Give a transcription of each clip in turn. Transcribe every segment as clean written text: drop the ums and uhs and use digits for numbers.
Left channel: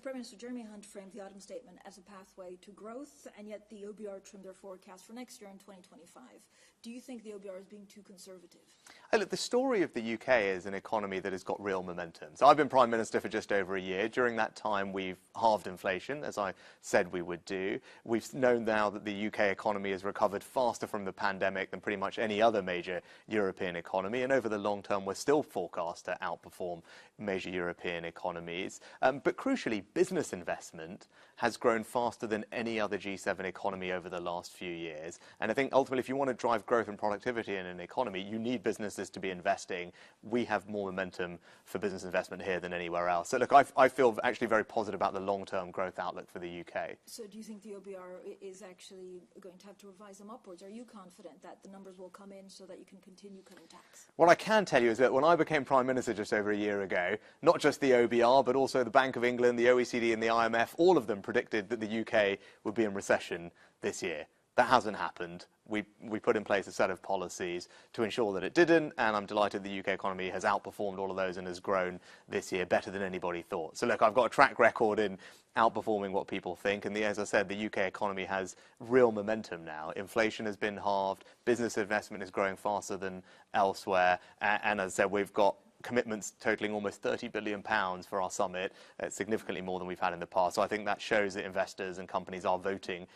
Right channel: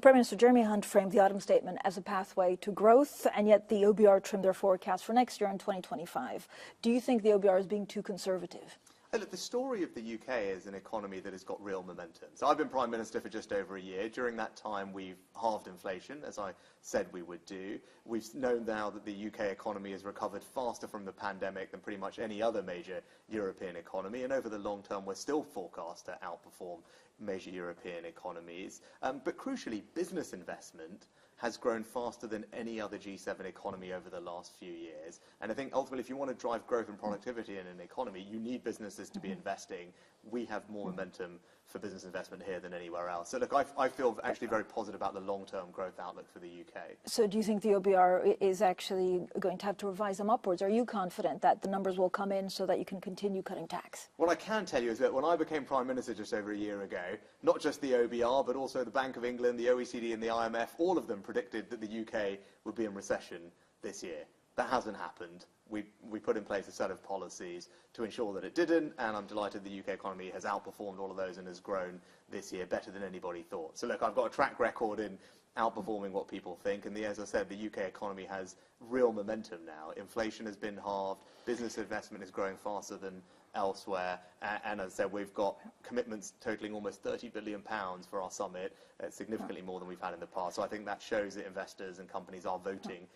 Prime Minister Jeremy Hunt framed the autumn statement as a pathway to growth, and yet the OBR trimmed their forecast for next year in 2025. Do you think the OBR is being too conservative? Look, the story of the UK is an economy that has got real momentum. So I've been Prime Minister for just over a year. During that time, we've halved inflation, as I said we would do. We've known now that the UK economy has recovered faster from the pandemic than pretty much any other major European economy. And over the long term, we're still forecast to outperform major European economies. But crucially, business investment has grown faster than any other G7 economy over the last few years. And I think ultimately, if you want to drive growth and productivity in an economy, you need businesses to be investing. We have more momentum for business investment here than anywhere else. So look, I feel actually very positive about the long-term growth outlook for the UK. So do you think the OBR is actually going to have to revise them upwards? Are you confident that the numbers will come in so that you can continue cutting tax? What I can tell you is that when I became Prime Minister just over a year ago, not just the OBR, but also the Bank of England, the OECD and the IMF, all of them predicted that the UK would be in recession this year. That hasn't happened. We put in place a set of policies to ensure that it didn't, and I'm delighted the UK economy has outperformed all of those and has grown this year better than anybody thought. So look, I've got a track record in outperforming what people think, and as I said, the UK economy has real momentum now. Inflation has been halved, business investment is growing faster than elsewhere, and as I said, we've got commitments totaling almost £30 billion for our summit, significantly more than we've had in the past. So I think that shows that investors and companies are voting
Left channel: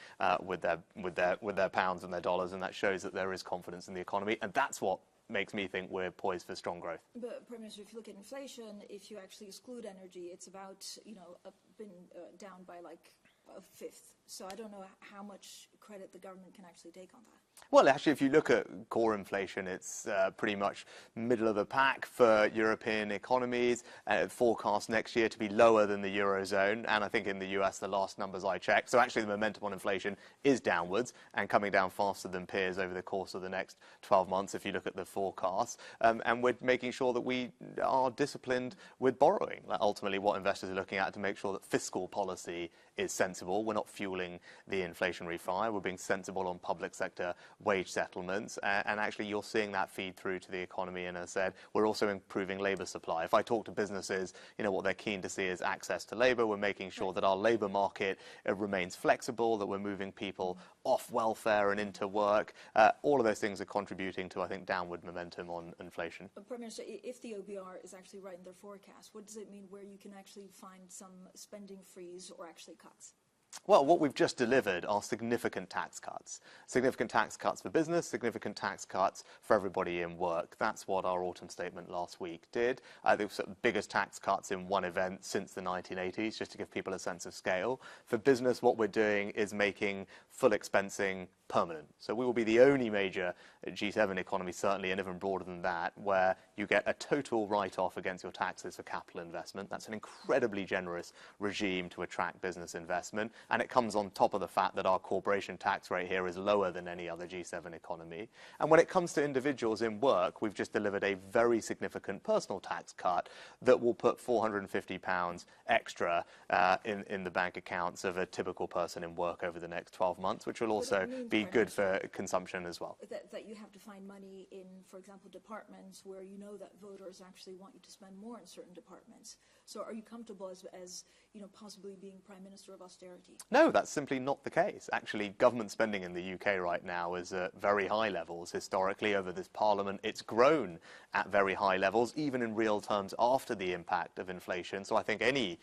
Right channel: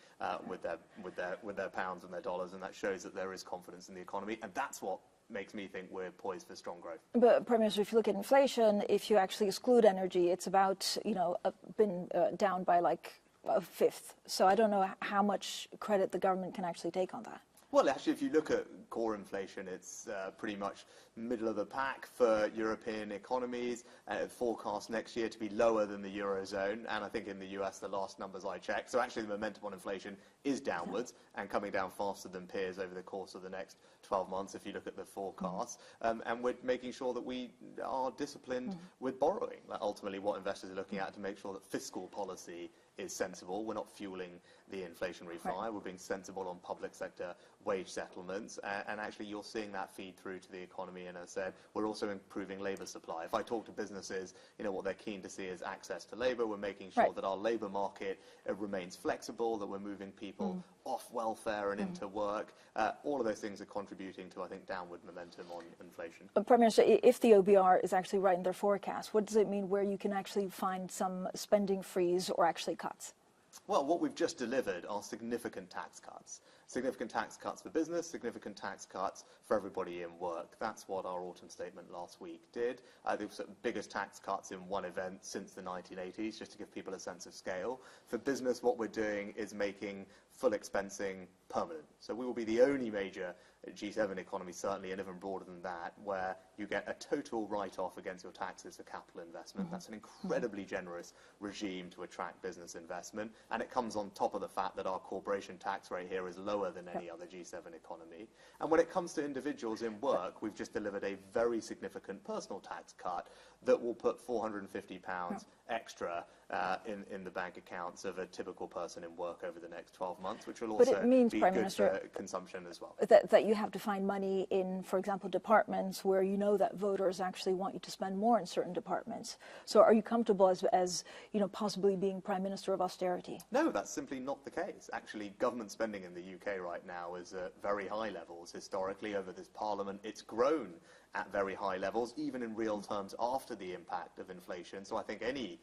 with their pounds and their dollars, and that shows that there is confidence in the economy, and that's what makes me think we're poised for strong growth. But Prime Minister, if you look at inflation, if you actually exclude energy, it's about, been down by like a fifth. So I don't know how much credit the government can actually take on that. Well, actually, if you look at core inflation, it's pretty much middle of the pack for European economies. Forecast next year to be lower than the Eurozone. And I think in the US, the last numbers I checked. So actually, the momentum on inflation is downwards and coming down faster than peers over the course of the next 12 months, if you look at the forecasts. And we're making sure that we are disciplined with borrowing. Like ultimately, what investors are looking at to make sure that fiscal policy is sensible. We're not fueling the inflationary fire. We're being sensible on public sector wage settlements, and actually you're seeing that feed through to the economy. And as I said, we're also improving labour supply. If I talk to businesses, what they're keen to see is access to labour. We're making sure that our labour market remains flexible, that we're moving people off welfare and into work. All of those things are contributing to, I think, downward momentum on inflation. But Prime Minister, if the OBR is actually right in their forecast, what does it mean where you can actually find some spending freeze or actually cuts? Well, what we've just delivered are significant tax cuts. Significant tax cuts for business, significant tax cuts for everybody in work. That's what our autumn statement last week did. The biggest tax cuts in one event since the 1980s, just to give people a sense of scale. For business, what we're doing is making full expensing permanent. So we will be the only major G7 economy, certainly, and even broader than that, where you get a total write-off against your taxes for capital investment. That's an incredibly generous regime to attract business investment, and it comes on top of the fact that our corporation tax rate here is lower than any other G7 economy. And when it comes to individuals in work, we've just delivered a very significant personal tax cut that will put £450 extra in the bank accounts of a typical person in work over the next 12 months, which will also be good for consumption as well. That you have to find money in, for example, departments where you know that voters actually want you to spend more in certain departments. So are you comfortable as possibly being Prime Minister of Austerity? No, that's simply not the case. Actually, government spending in the UK right now is at very high levels. Historically, over this Parliament, it's grown at very high levels, even in real terms after the impact of inflation. So I think any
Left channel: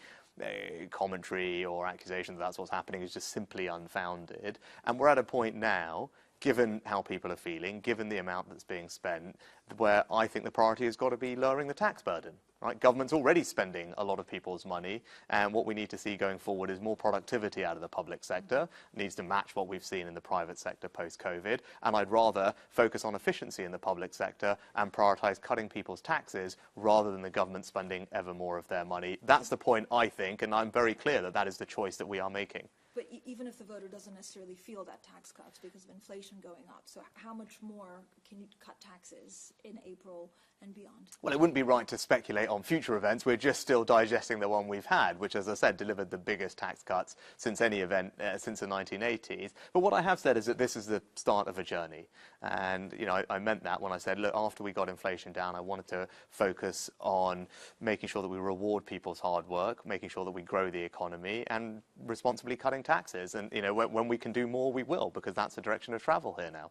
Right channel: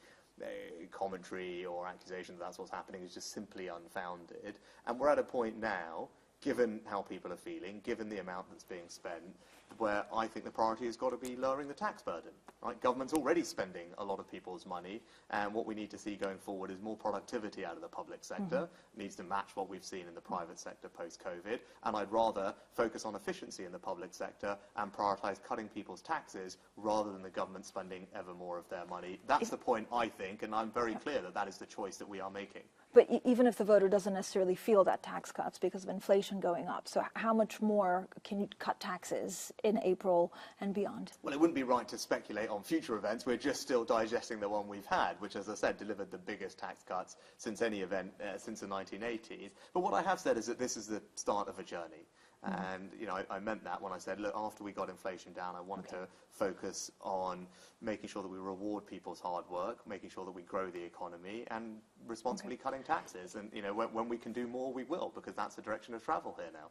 commentary or accusation that that's what's happening is just simply unfounded. And we're at a point now, given how people are feeling, given the amount that's being spent, where I think the priority has got to be lowering the tax burden. Right? Government's already spending a lot of people's money, and what we need to see going forward is more productivity out of the public sector. It needs to match what we've seen in the private sector post-COVID, and I'd rather focus on efficiency in the public sector and prioritise cutting people's taxes rather than the government spending ever more of their money. That's the point, I think, and I'm very clear that that is the choice that we are making. But even if the voter doesn't necessarily feel that tax cuts because of inflation going up, so how much more can you cut taxes in April and beyond? Well, it wouldn't be right to speculate on future events. We're just still digesting the one we've had, which, as I said, delivered the biggest tax cuts since any event since the 1980s. But what I have said is that this is the start of a journey. And, you know, I meant that when I said, look, after we got inflation down, I wanted to focus on making sure that we reward people's hard work, making sure that we grow the economy, and responsibly cutting taxes. And, you know, when we can do more, we will, because that's the direction of travel here now.